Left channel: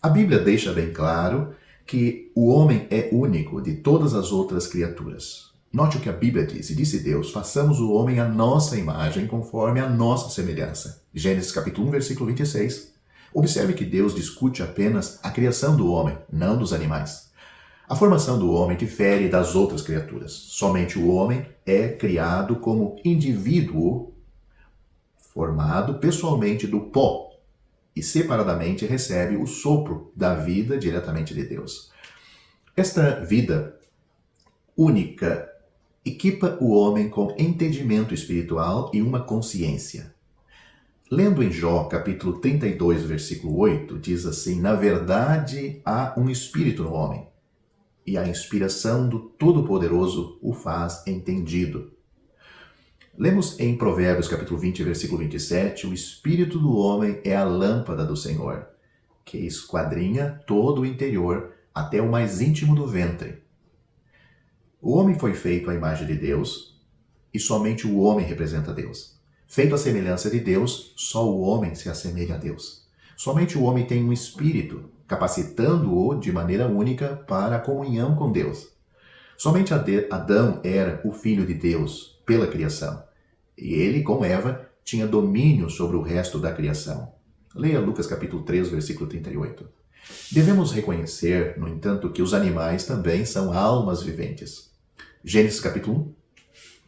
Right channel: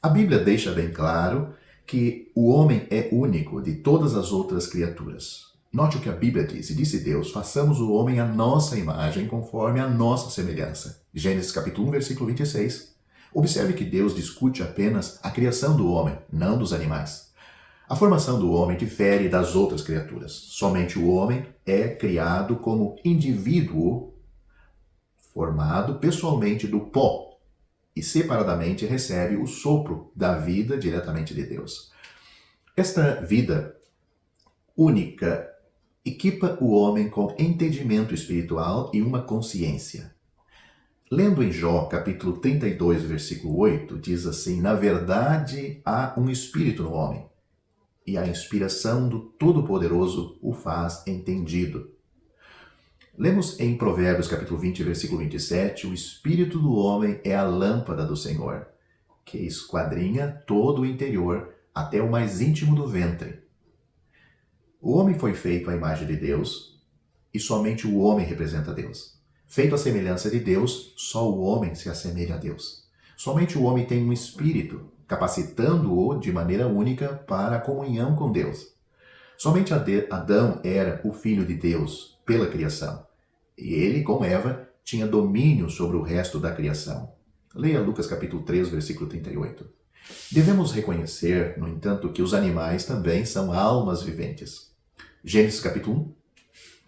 A Bíblia deixa bem claro que o homem é único de todas as outras criaturas. Note o que a Bíblia diz. E disse Deus, façamos o homem à nossa imagem, conforme a nossa semelhança. Gênesis capítulo 1, versículo 26. Observe que Deus discute apenas a criação do homem, não dos animais. A formação do homem difere das outras criaturas. Somente o homem é criado como indivíduo formado pessoalmente do pó e separadamente recebe o sopro da vida diretamente de Deus. Esta vida única equipa o homem com entendimento espiritual e uma consciência. Lendo em Jó, capítulo 32, versículo 8, diz assim: na verdade há um espírito no homem, e a inspiração do Todo-Poderoso o faz entendido. Lemos em Provérbios, capítulo 20, versículo 27, o espírito do homem é a lâmpada do Senhor, que esquadrinha todo o interior, até o mais íntimo do ventre. O homem foi feito à imagem de Deus, e somente o homem representa Deus. Feito à semelhança de Deus, só o homem se assemelha a Deus. Somente o homem tem um espírito, capacitando-o de maneira única para a comunhão com Deus. Somente Adão era o filho de Deus pela criação. E ele, como Eva, tinha domínio sobre o resto da criação. Leia Lucas capítulo 3, versículo 38. Devemos reconhecer, no entanto, que os animais também são almas viventes. Gênesis capítulo 1,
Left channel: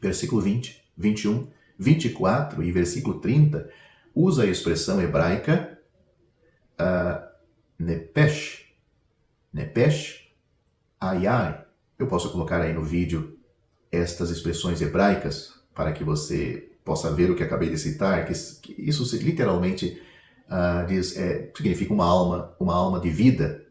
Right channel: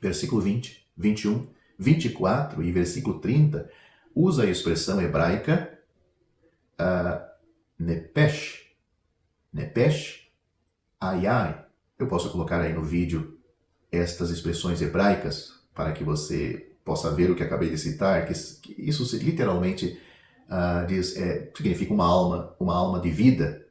versículo 20, 21, 24 e versículo 30 usa a expressão hebraica nepesh, ayai. Eu posso colocar aí no vídeo estas expressões hebraicas para que você possa ver o que acabei de citar, que isso literalmente significa uma alma de vida.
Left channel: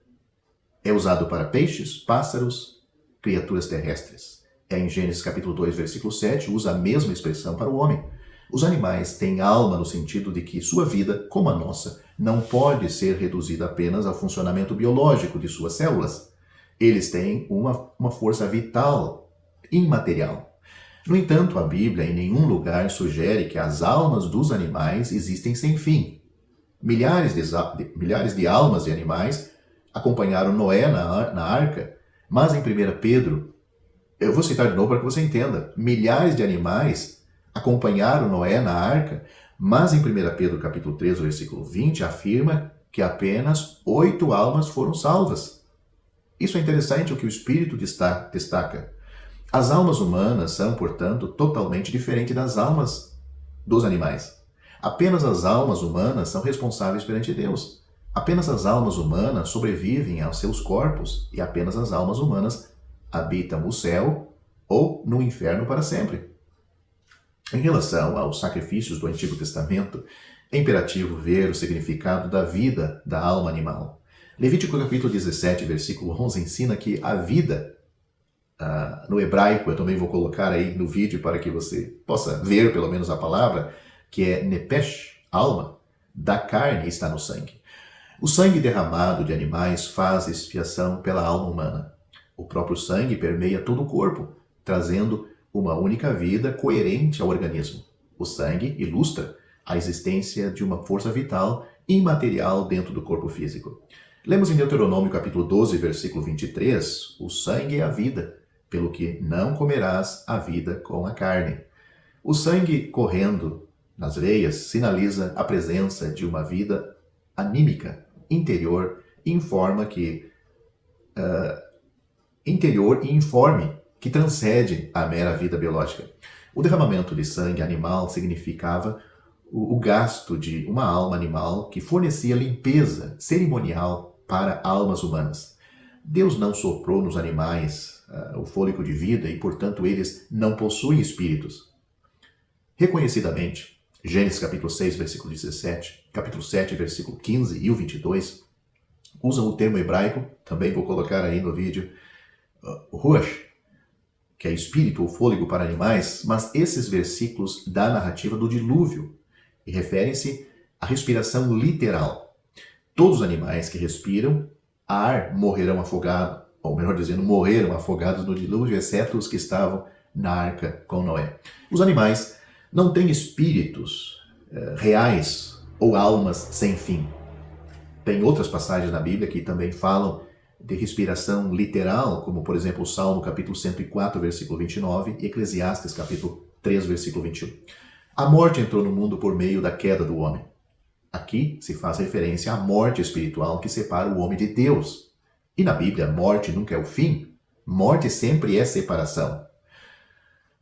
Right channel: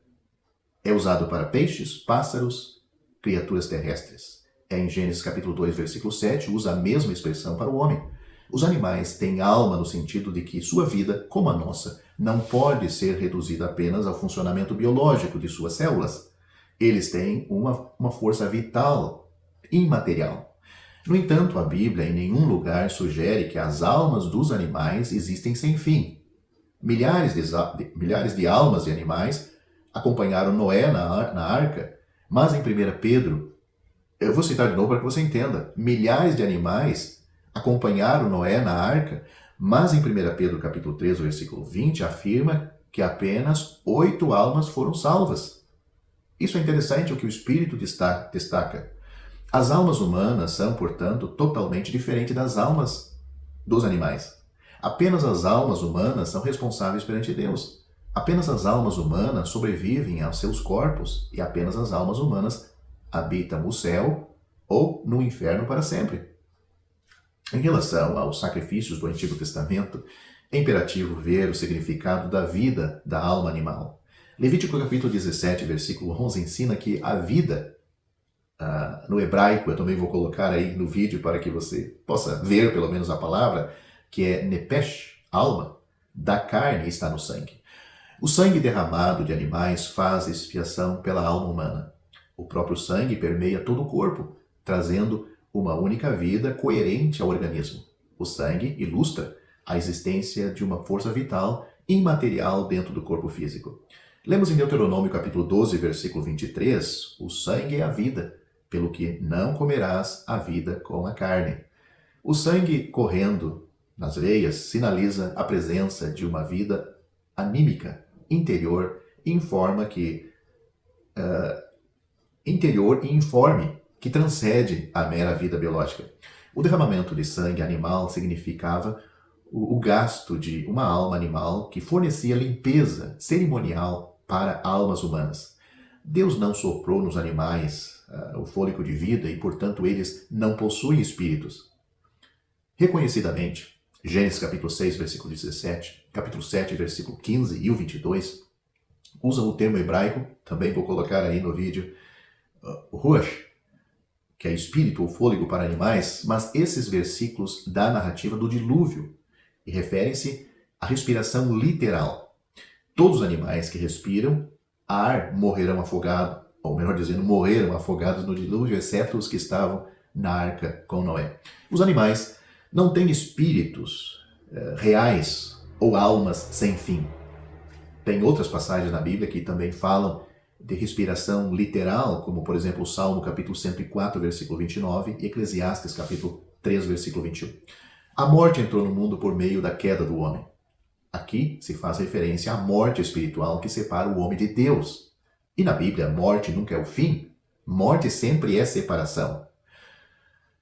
É usado para peixes, pássaros, criaturas terrestres. Em Gênesis capítulo 2, versículo 7, usa a mesma expressão para o homem. Os animais têm alma no sentido de que sua vida, como a nossa, não pode ser reduzida apenas ao funcionamento biológico de suas células. Eles têm uma força vital, imaterial. No entanto, a Bíblia em nenhum lugar sugere que as almas dos animais existem sem fim. Milhares de almas de animais acompanharam Noé na arca, mas em 1 Pedro, eu vou citar de novo para que você entenda, milhares de animais acompanharam Noé na arca, mas em 1 Pedro capítulo 3, versículo 20, afirma que apenas 8 almas foram salvas. Isso é interessante o que o Espírito destaca. As almas humanas são, portanto, totalmente diferentes das almas dos animais. Apenas as almas humanas são responsáveis perante Deus. Apenas as almas humanas sobrevivem aos seus corpos e apenas as almas humanas habitam o céu ou no inferno para sempre. Em relação aos sacrifícios do Antigo Testamento, é imperativo ver o significado da vida da alma animal. Levítico capítulo 17, versículo 11 ensina que a vida no hebraico, eu também vou colocar aí no vídeo para que você possa ver pelo menos a palavra, que é nepesh, alma, da carne está no sangue. O sangue derramado de animais faz expiação pela alma humana. O próprio sangue permeia todo o corpo, trazendo uma única vida coerente ao organismo. O sangue ilustra a existência de uma força vital imaterial dentro do corpo físico. Lemos em Deuteronômio capítulo 12, versículo 23, o sangue é a vida, pelo que não comerás a vida com a carne. O sangue correndo nas veias sinaliza a presença de uma vida anímica, interior e informe que transcende a mera vida biológica. O derramamento de sangue animal significava o gasto de uma alma animal que fornecia limpeza cerimonial para almas humanas. Deus não soprou nos animais o fôlego de vida e, portanto, eles não possuem espíritos. Reconhecidamente, Gênesis capítulo 6, versículo 17, capítulo 7, versículo 15 e o 22, usam o termo hebraico, também vou colocar aí no vídeo, ruach, que é espírito ou fôlego para animais, mas esses versículos da narrativa do dilúvio e referem-se à respiração literal. Todos os animais que respiram ar morrerão afogados, ou melhor dizendo, morreram afogados no dilúvio, exceto os que estavam na arca com Noé. Os animais não têm espíritos reais ou almas sem fim. Tem outras passagens na Bíblia que também falam de respiração literal, como por exemplo o Salmo capítulo 104, versículo 29 e Eclesiastes capítulo 3, versículo 21. A morte entrou no mundo por meio da queda do homem. Aqui se faz referência à morte espiritual que separa o homem de Deus. E na Bíblia, a morte nunca é o fim. Morte sempre é separação.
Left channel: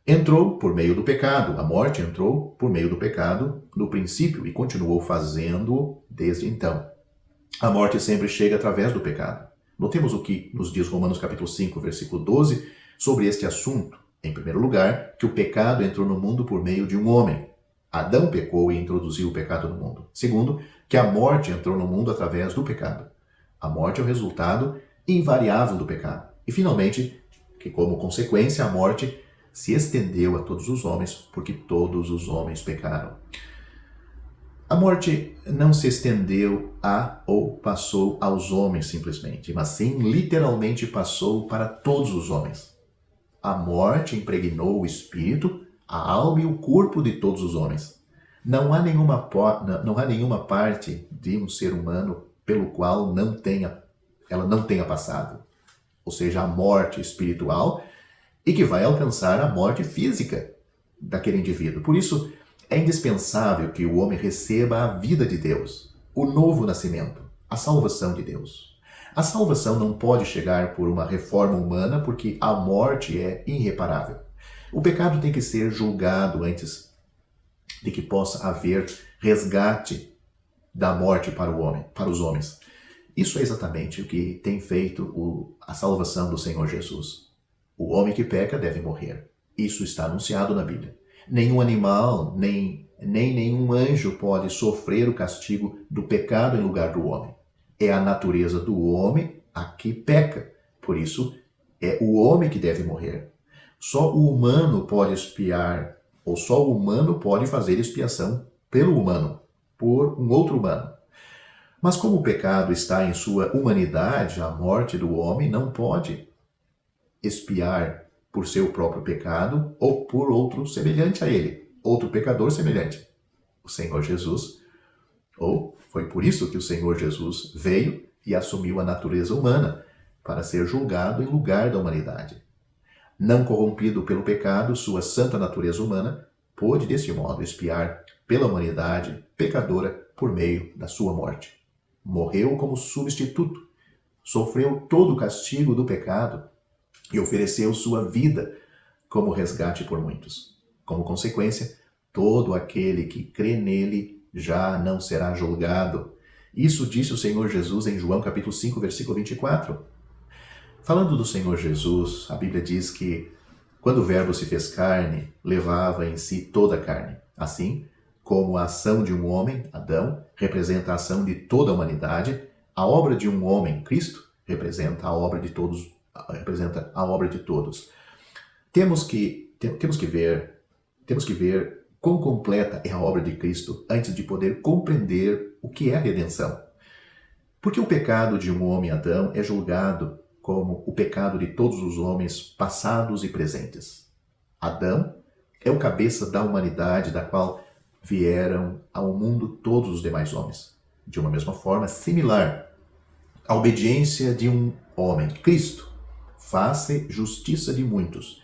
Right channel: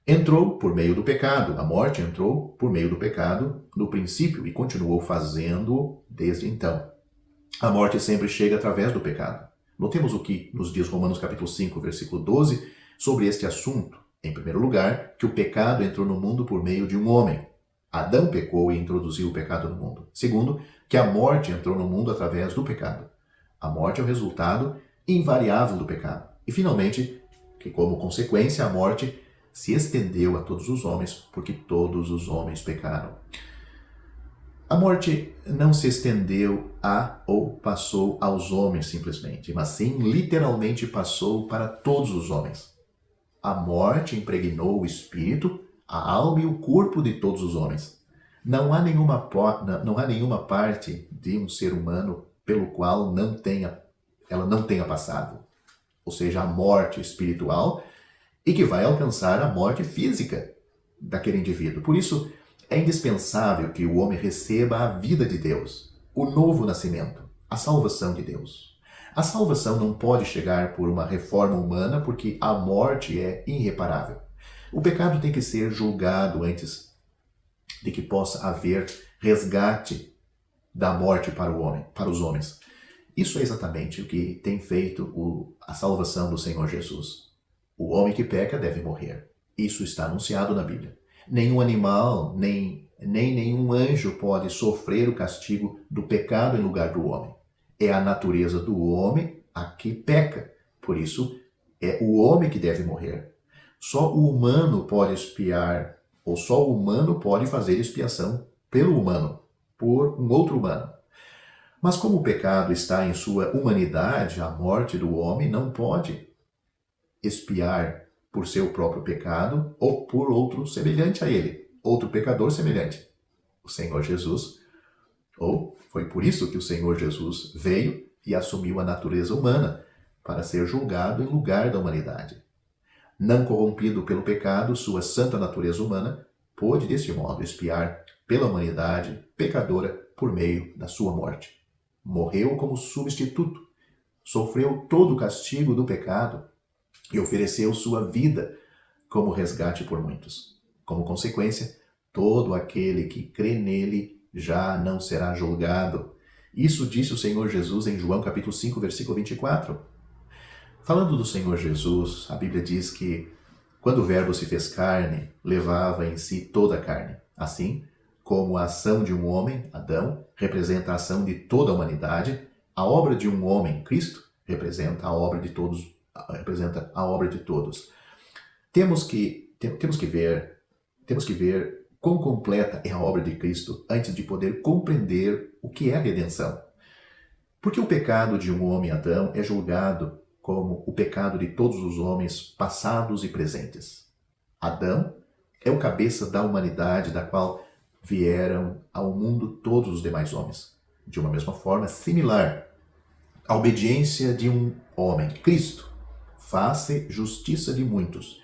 Entrou por meio do pecado. A morte entrou por meio do pecado no princípio e continuou fazendo desde então. A morte sempre chega através do pecado. Notemos o que nos diz Romanos capítulo 5, versículo 12, sobre este assunto. Em primeiro lugar, que o pecado entrou no mundo por meio de um homem. Adão pecou e introduziu o pecado no mundo. Segundo, que a morte entrou no mundo através do pecado. A morte é o resultado invariável do pecado. E finalmente, que como consequência a morte se estendeu a todos os homens, porque todos os homens pecaram. A morte não se estendeu a ou passou aos homens simplesmente, mas sim literalmente passou para todos os homens. A morte impregnou o espírito, a alma e o corpo de todos os homens. Não há nenhuma parte de um ser humano pelo qual ela não tenha passado. Ou seja, a morte espiritual e que vai alcançar a morte física daquele indivíduo. Por isso, é indispensável que o homem receba a vida de Deus, o novo nascimento, a salvação de Deus. A salvação não pode chegar por uma reforma humana, porque a morte é irreparável. O pecado tem que ser julgado antes de que possa haver resgate da morte para o homem, para os homens. Isso é exatamente o que tem feito a salvação do Senhor Jesus. O homem que peca deve morrer. Isso está anunciado na Bíblia. Nenhum animal, nem nenhum anjo pode sofrer o castigo do pecado em lugar do homem. É a natureza do homem a que peca. Por isso, é o homem que deve morrer. Só o humano pode expiar, ou só o humano pode fazer expiação pelo humano, por um outro humano. Mas como o pecado está em sua humanidade, a morte do homem não pode expiar por seu próprio pecado ou por outro semelhante a ele, outro pecador semelhante. O Senhor Jesus, ou foi por isso que o Senhor Jesus veio e assumiu a natureza humana, para ser julgado em lugar da humanidade. Não corrompido pelo pecado, sua santa natureza humana pôde desse modo expiar pela humanidade pecadora por meio da sua morte. Morreu como substituto, sofreu todo o castigo do pecado e ofereceu sua vida como resgate por muitos. Como consequência, todo aquele que crê nele já não será julgado. Isso disse o Senhor Jesus em João capítulo 5, versículo 24. Falando do Senhor Jesus, a Bíblia diz que quando o Verbo se fez carne, levava em si toda a carne. Assim, como a ação de um homem, Adão, representa a ação de toda a humanidade, a obra de um homem, Cristo, representa a obra de todos. Temos que ver quão completa é a obra de Cristo antes de poder compreender o que é a redenção. Porque o pecado de um homem, Adão, é julgado como o pecado de todos os homens passados e presentes. Adão é o cabeça da humanidade da qual vieram ao mundo todos os demais homens. De uma mesma forma, similar, a obediência de um homem, Cristo, faz-se justiça de muitos,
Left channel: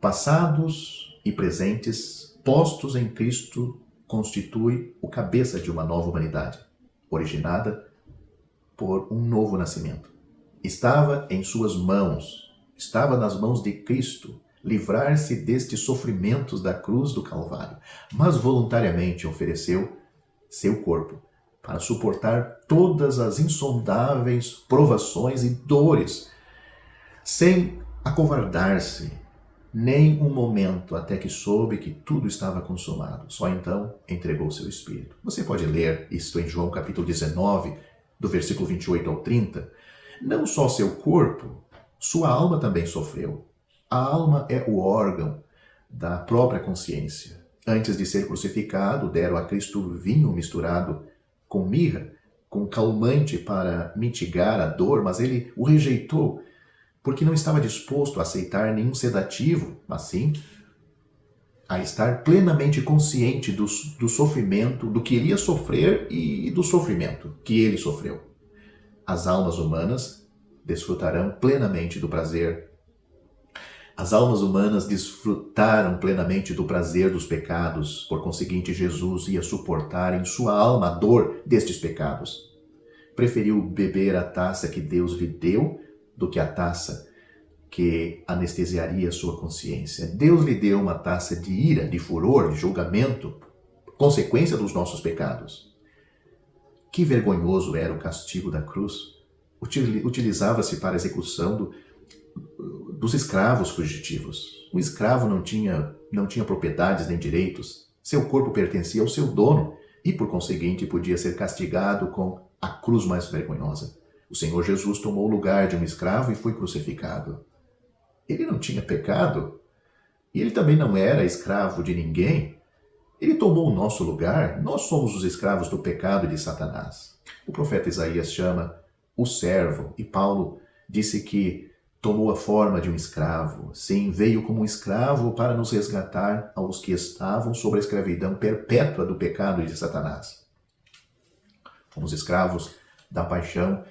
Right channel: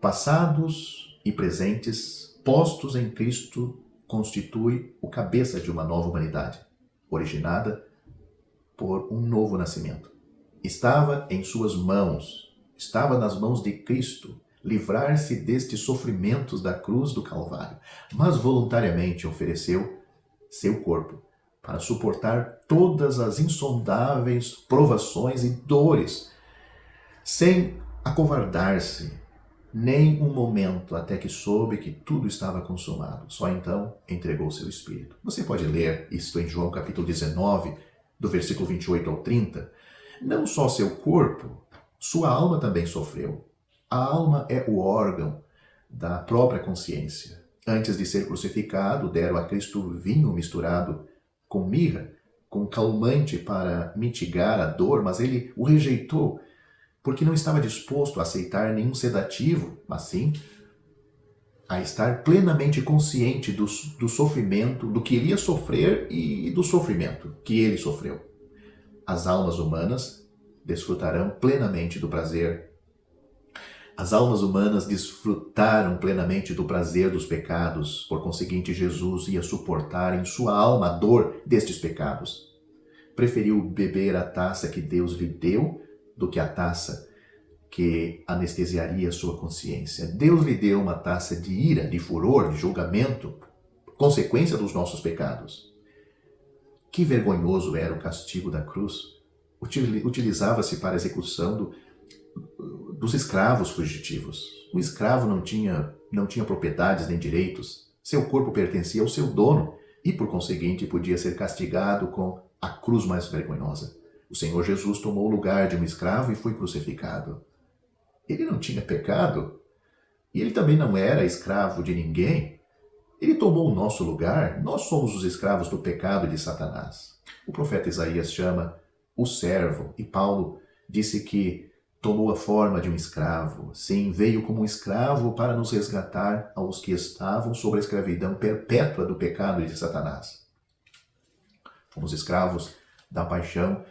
passados e presentes, postos em Cristo, constitui o cabeça de uma nova humanidade, originada por um novo nascimento. Estava em suas mãos, estava nas mãos de Cristo, livrar-se destes sofrimentos da cruz do Calvário, mas voluntariamente ofereceu seu corpo para suportar todas as insondáveis provações e dores, sem acovardar-se nem um momento, até que soube que tudo estava consumado. Só então entregou seu espírito. Você pode ler isto em João capítulo 19, do versículo 28 ao 30. Não só seu corpo, sua alma também sofreu. A alma é o órgão da própria consciência. Antes de ser crucificado, deram a Cristo vinho misturado com mirra, com calmante para mitigar a dor, mas ele o rejeitou. porque não estava disposto a aceitar nenhum sedativo, mas sim a estar plenamente consciente do sofrimento, do que iria sofrer e do sofrimento que ele sofreu. As almas humanas desfrutarão plenamente do prazer. As almas humanas desfrutaram plenamente do prazer dos pecados, por conseguinte, Jesus ia suportar em sua alma a dor destes pecados. Preferiu beber a taça que Deus lhe deu do que a taça que anestesiaria sua consciência. Deus lhe deu uma taça de ira, de furor, de julgamento, consequência dos nossos pecados. Que vergonhoso era o castigo da cruz. Utilizava-se para a execução dos escravos fugitivos. Um escravo não tinha propriedades nem direitos. Seu corpo pertencia ao seu dono e, por conseguinte, podia ser castigado com a cruz mais vergonhosa. O Senhor Jesus tomou o lugar de um escravo e foi crucificado. Ele não tinha pecado e ele também não era escravo de ninguém. Ele tomou o nosso lugar. Nós somos os escravos do pecado e de Satanás. O profeta Isaías chama o servo e Paulo disse que tomou a forma de um escravo. Sim, veio como um escravo para nos resgatar aos que estavam sob a escravidão perpétua do pecado e de Satanás. Fomos escravos da paixão,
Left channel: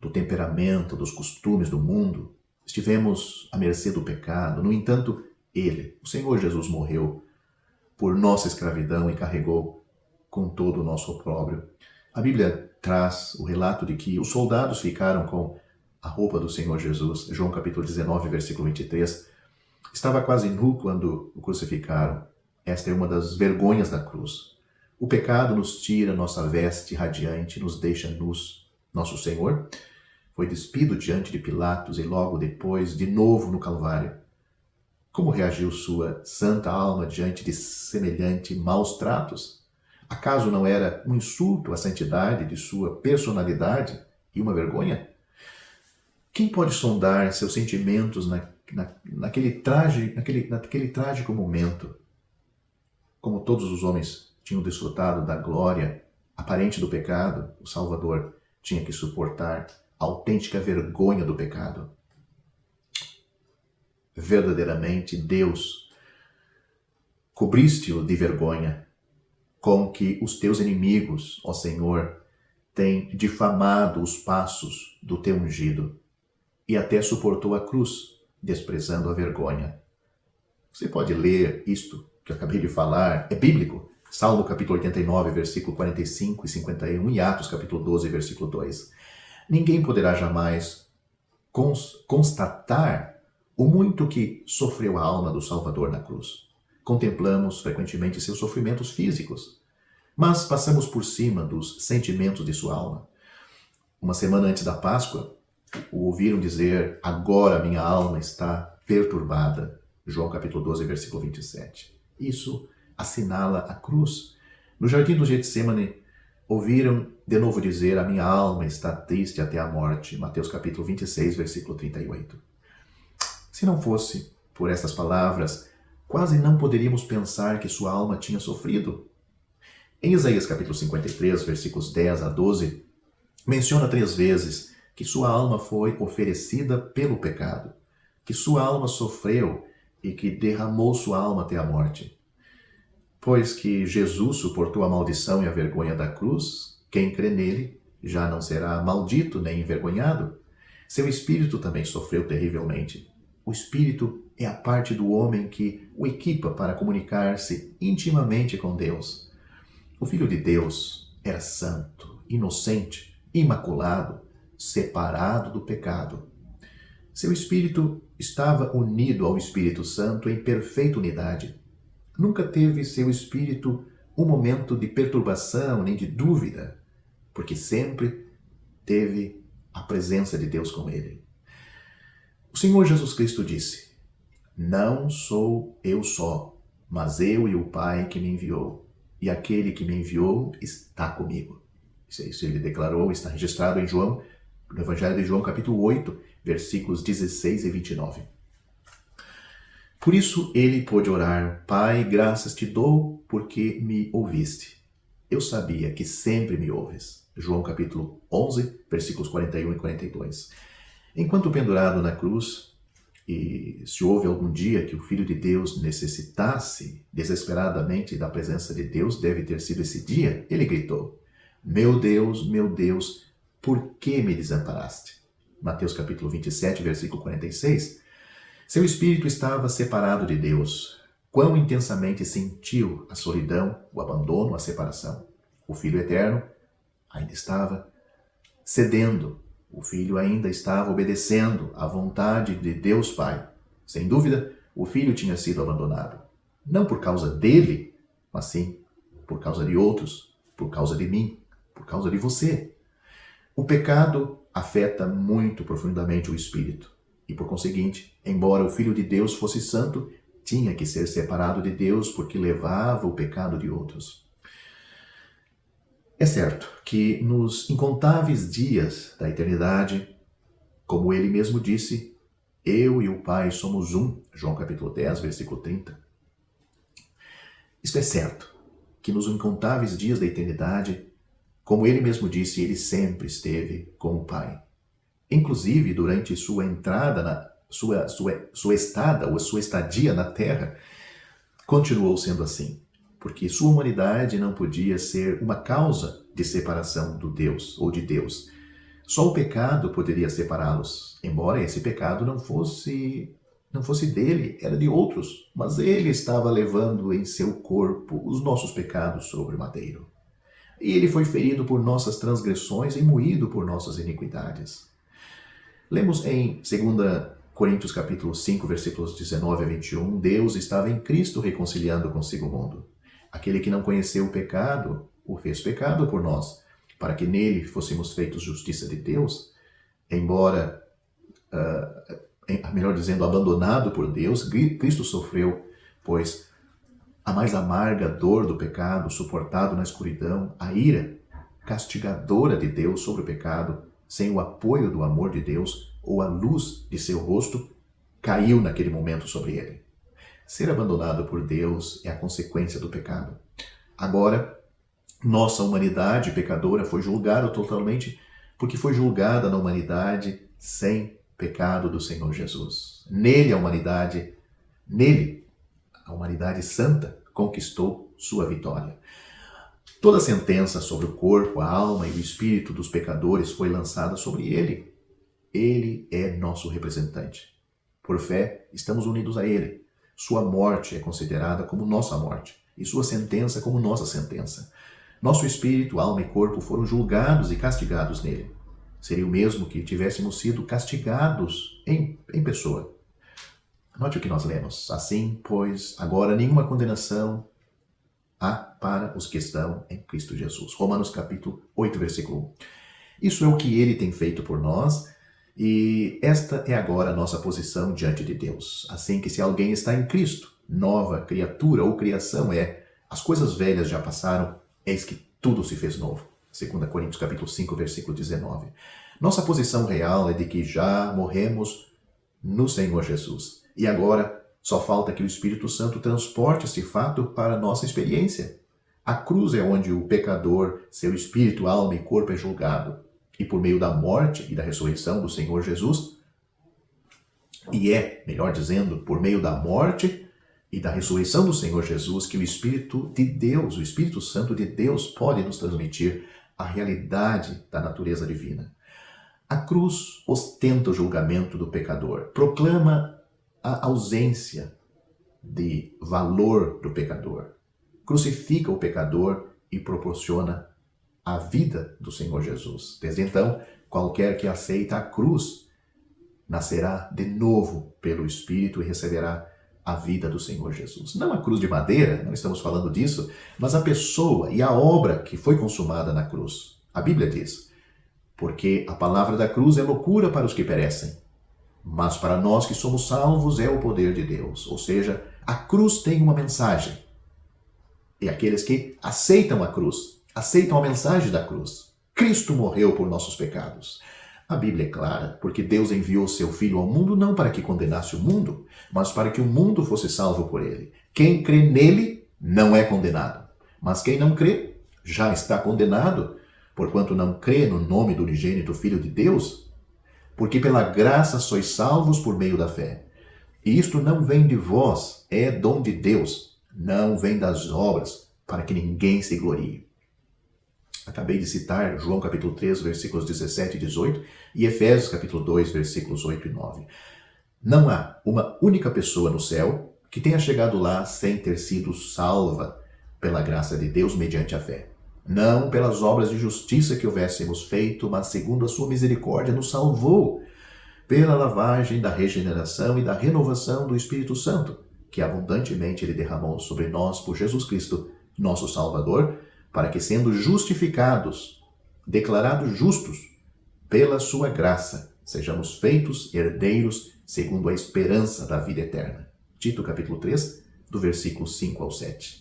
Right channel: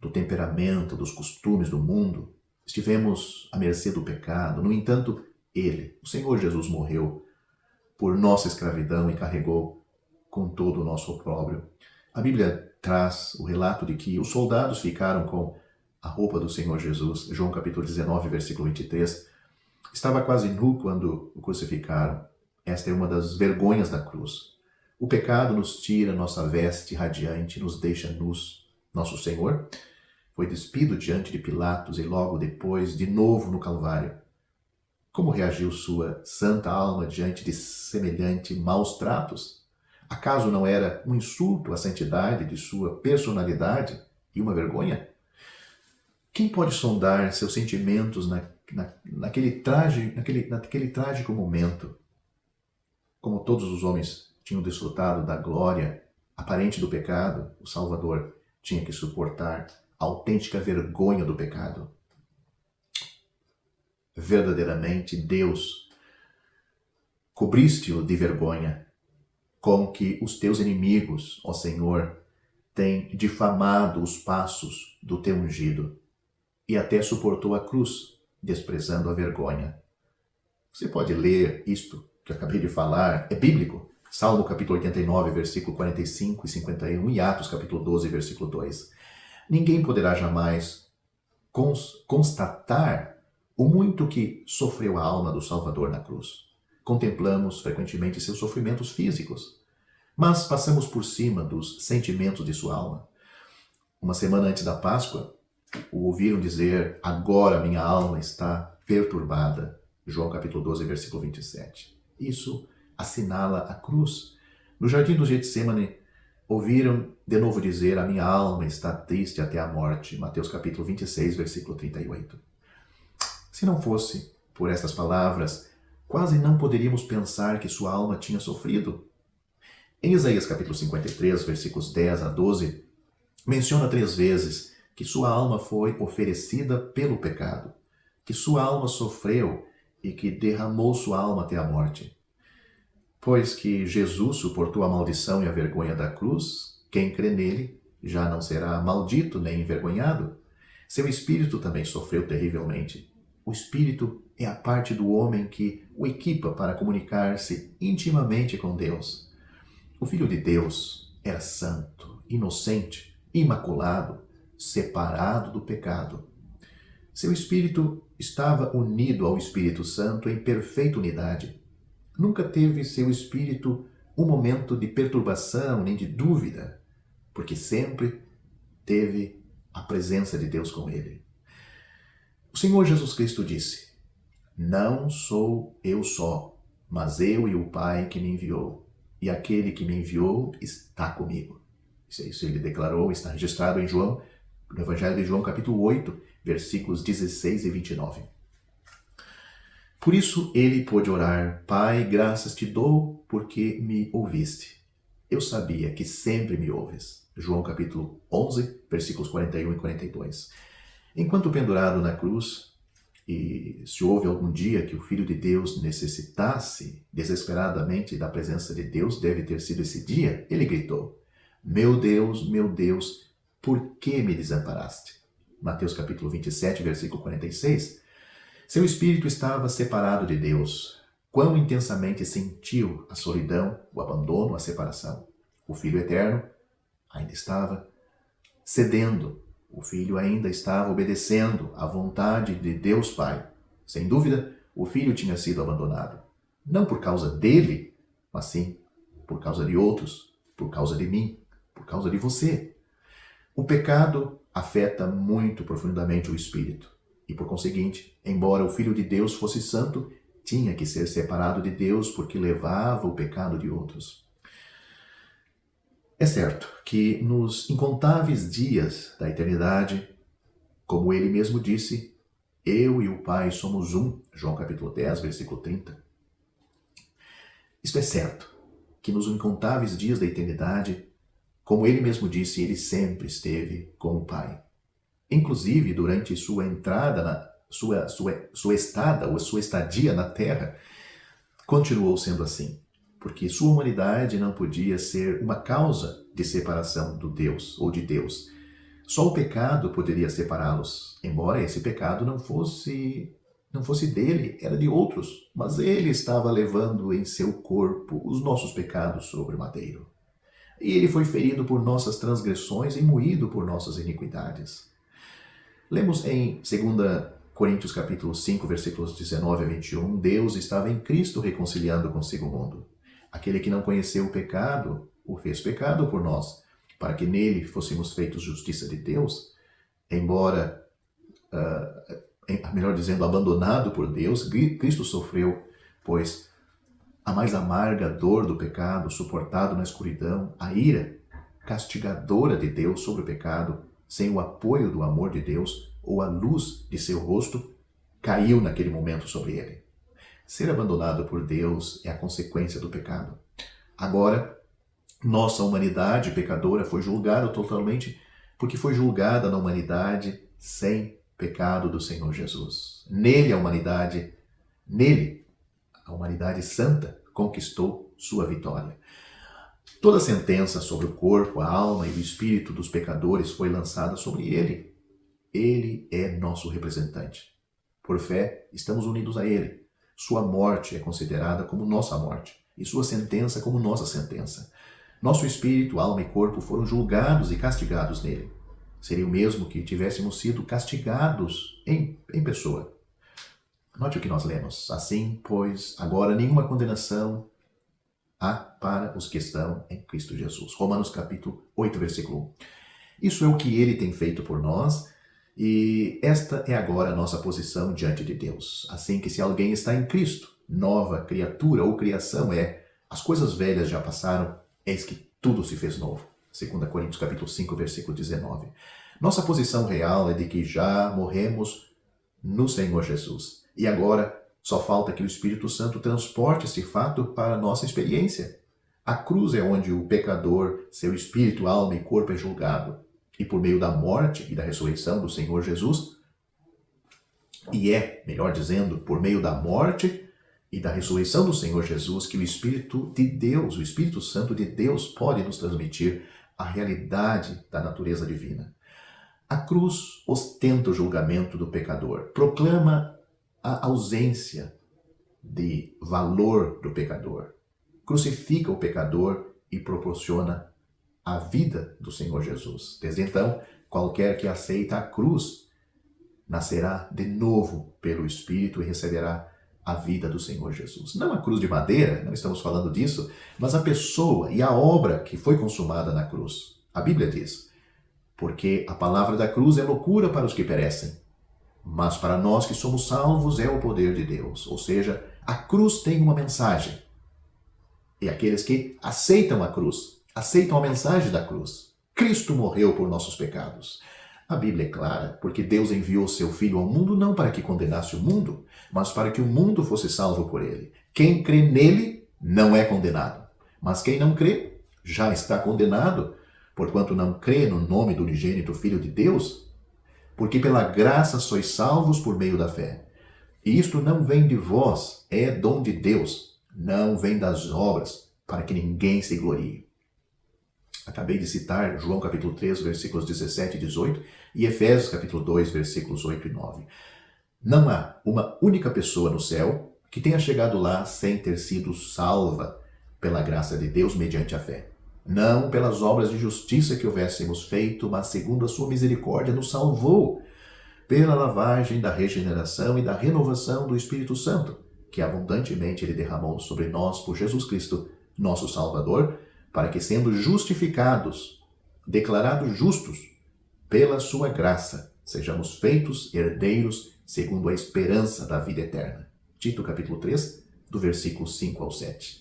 do temperamento, dos costumes do mundo. Estivemos à mercê do pecado. No entanto, ele, o Senhor Jesus, morreu por nossa escravidão e carregou com todo o nosso opróbrio. A Bíblia traz o relato de que os soldados ficaram com a roupa do Senhor Jesus. João capítulo 19, versículo 23. Estava quase nu quando o crucificaram. Esta é uma das vergonhas da cruz. O pecado nos tira nossa veste radiante, nos deixa nus. Nosso Senhor foi despido diante de Pilatos e logo depois, de novo no Calvário. Como reagiu sua santa alma diante de semelhante maus tratos? Acaso não era um insulto à santidade de sua personalidade e uma vergonha? Quem pode sondar seus sentimentos naquele trágico momento? Como todos os homens tinham desfrutado da glória aparente do pecado, o Salvador tinha que suportar a autêntica vergonha do pecado. Verdadeiramente, Deus, cobriste-o de vergonha, com que os teus inimigos, ó Senhor, têm difamado os passos do teu ungido, e até suportou a cruz, desprezando a vergonha. Você pode ler isto que eu acabei de falar, é bíblico. Salmo capítulo 89, versículo 45 e 51, e Atos capítulo 12, versículo 2. Ninguém poderá jamais constatar o muito que sofreu a alma do Salvador na cruz. Contemplamos frequentemente seus sofrimentos físicos, mas passamos por cima dos sentimentos de sua alma. Uma semana antes da Páscoa, o ouviram dizer: agora minha alma está perturbada. João capítulo 12, versículo 27. Isso assinala a cruz. No jardim do Getsemane, ouviram de novo dizer: a minha alma está triste até a morte. Mateus capítulo 26, versículo 38. Se não fosse por estas palavras, quase não poderíamos pensar que sua alma tinha sofrido. Em Isaías capítulo 53, versículos 10 a 12, menciona 3 vezes que sua alma foi oferecida pelo pecado, que sua alma sofreu e que derramou sua alma até a morte. Pois que Jesus suportou a maldição e a vergonha da cruz, quem crê nele já não será maldito nem envergonhado. Seu espírito também sofreu terrivelmente. O espírito é a parte do homem que o equipa para comunicar-se intimamente com Deus. O Filho de Deus era santo, inocente, imaculado, separado do pecado. Seu espírito estava unido ao Espírito Santo em perfeita unidade. Nunca teve seu espírito um momento de perturbação nem de dúvida, porque sempre teve a presença de Deus com ele. O Senhor Jesus Cristo disse: não sou eu só, mas eu e o Pai que me enviou, e aquele que me enviou está comigo. Isso ele declarou, está registrado em João, no Evangelho de João, capítulo 8, versículos 16 e 29. Por isso ele pôde orar: Pai, graças te dou porque me ouviste. Eu sabia que sempre me ouves. João capítulo 11, versículos 41 e 42. Enquanto pendurado na cruz, e se houve algum dia que o Filho de Deus necessitasse desesperadamente da presença de Deus, deve ter sido esse dia, ele gritou: meu Deus, por que me desamparaste? Mateus capítulo 27, versículo 46. Seu espírito estava separado de Deus. Quão intensamente sentiu a solidão, o abandono, a separação. O Filho eterno ainda estava cedendo. O Filho ainda estava obedecendo à vontade de Deus Pai. Sem dúvida, o Filho tinha sido abandonado. Não por causa dele, mas sim por causa de outros, por causa de mim, por causa de você. O pecado afeta muito profundamente o espírito. E por conseguinte, embora o Filho de Deus fosse santo, tinha que ser separado de Deus porque levava o pecado de outros. É certo que nos incontáveis dias da eternidade, como ele mesmo disse, eu e o Pai somos um, João capítulo 10, versículo 30. Isto é certo, que nos incontáveis dias da eternidade, como ele mesmo disse, ele sempre esteve com o Pai. Inclusive, durante sua entrada, sua estada ou sua estadia na Terra, continuou sendo assim. Porque sua humanidade não podia ser uma causa de separação do Deus ou de Deus. Só o pecado poderia separá-los, embora esse pecado não fosse dele, era de outros. Mas ele estava levando em seu corpo os nossos pecados sobre o madeiro. E ele foi ferido por nossas transgressões e moído por nossas iniquidades. Lemos em 2 Coríntios capítulo 5, versículos 19 a 21, Deus estava em Cristo reconciliando consigo o mundo. Aquele que não conheceu o pecado, o fez pecado por nós, para que nele fôssemos feitos justiça de Deus, embora, melhor dizendo, abandonado por Deus, Cristo sofreu, pois a mais amarga dor do pecado, suportado na escuridão, a ira castigadora de Deus sobre o pecado, sem o apoio do amor de Deus ou a luz de seu rosto, caiu naquele momento sobre ele. Ser abandonado por Deus é a consequência do pecado. Agora, nossa humanidade pecadora foi julgada totalmente porque foi julgada na humanidade sem pecado do Senhor Jesus. Nele, a humanidade santa conquistou sua vitória. Toda a sentença sobre o corpo, a alma e o espírito dos pecadores foi lançada sobre ele. Ele é nosso representante. Por fé, estamos unidos a ele. Sua morte é considerada como nossa morte e sua sentença como nossa sentença. Nosso espírito, alma e corpo foram julgados e castigados nele. Seria o mesmo que tivéssemos sido castigados em pessoa. Note o que nós lemos. Assim, pois, agora nenhuma condenação há para os que estão em Cristo Jesus. Romanos capítulo 8, versículo 1. Isso é o que ele tem feito por nós. E esta é agora a nossa posição diante de Deus. Assim que se alguém está em Cristo, nova criatura ou criação é, as coisas velhas já passaram, eis que tudo se fez novo. 2 Coríntios capítulo 5, versículo 19. Nossa posição real é de que já morremos no Senhor Jesus. E agora só falta que o Espírito Santo transporte esse fato para a nossa experiência. A cruz é onde o pecador, seu espírito, alma e corpo é julgado. E por meio da morte e da ressurreição do Senhor Jesus, melhor dizendo, por meio da morte e da ressurreição do Senhor Jesus, que o Espírito de Deus, o Espírito Santo de Deus pode nos transmitir a realidade da natureza divina. A cruz ostenta o julgamento do pecador, proclama a ausência de valor do pecador, crucifica o pecador e proporciona a vida do Senhor Jesus. Desde então, qualquer que aceita a cruz nascerá de novo pelo Espírito e receberá a vida do Senhor Jesus. Não a cruz de madeira, não estamos falando disso, mas a pessoa e a obra que foi consumada na cruz. A Bíblia diz, porque a palavra da cruz é loucura para os que perecem, mas para nós que somos salvos é o poder de Deus. Ou seja, a cruz tem uma mensagem. E aqueles que aceitam a cruz, aceitam a mensagem da cruz. Cristo morreu por nossos pecados. A Bíblia é clara, porque Deus enviou seu Filho ao mundo não para que condenasse o mundo, mas para que o mundo fosse salvo por ele. Quem crê nele não é condenado, mas quem não crê já está condenado, porquanto não crê no nome do unigênito Filho de Deus. Porque pela graça sois salvos por meio da fé. E isto não vem de vós, é dom de Deus, não vem das obras, para que ninguém se glorie. Acabei de citar João capítulo 3, versículos 17 e 18, e Efésios capítulo 2, versículos 8 e 9. Não há uma única pessoa no céu que tenha chegado lá sem ter sido salva pela graça de Deus mediante a fé. Não pelas obras de justiça que houvéssemos feito, mas segundo a sua misericórdia nos salvou, pela lavagem da regeneração e da renovação do Espírito Santo, que abundantemente Ele derramou sobre nós por Jesus Cristo, nosso Salvador, para que, sendo justificados, declarados justos pela sua graça, sejamos feitos herdeiros segundo a esperança da vida eterna. Tito capítulo 3, do versículo 5 ao 7.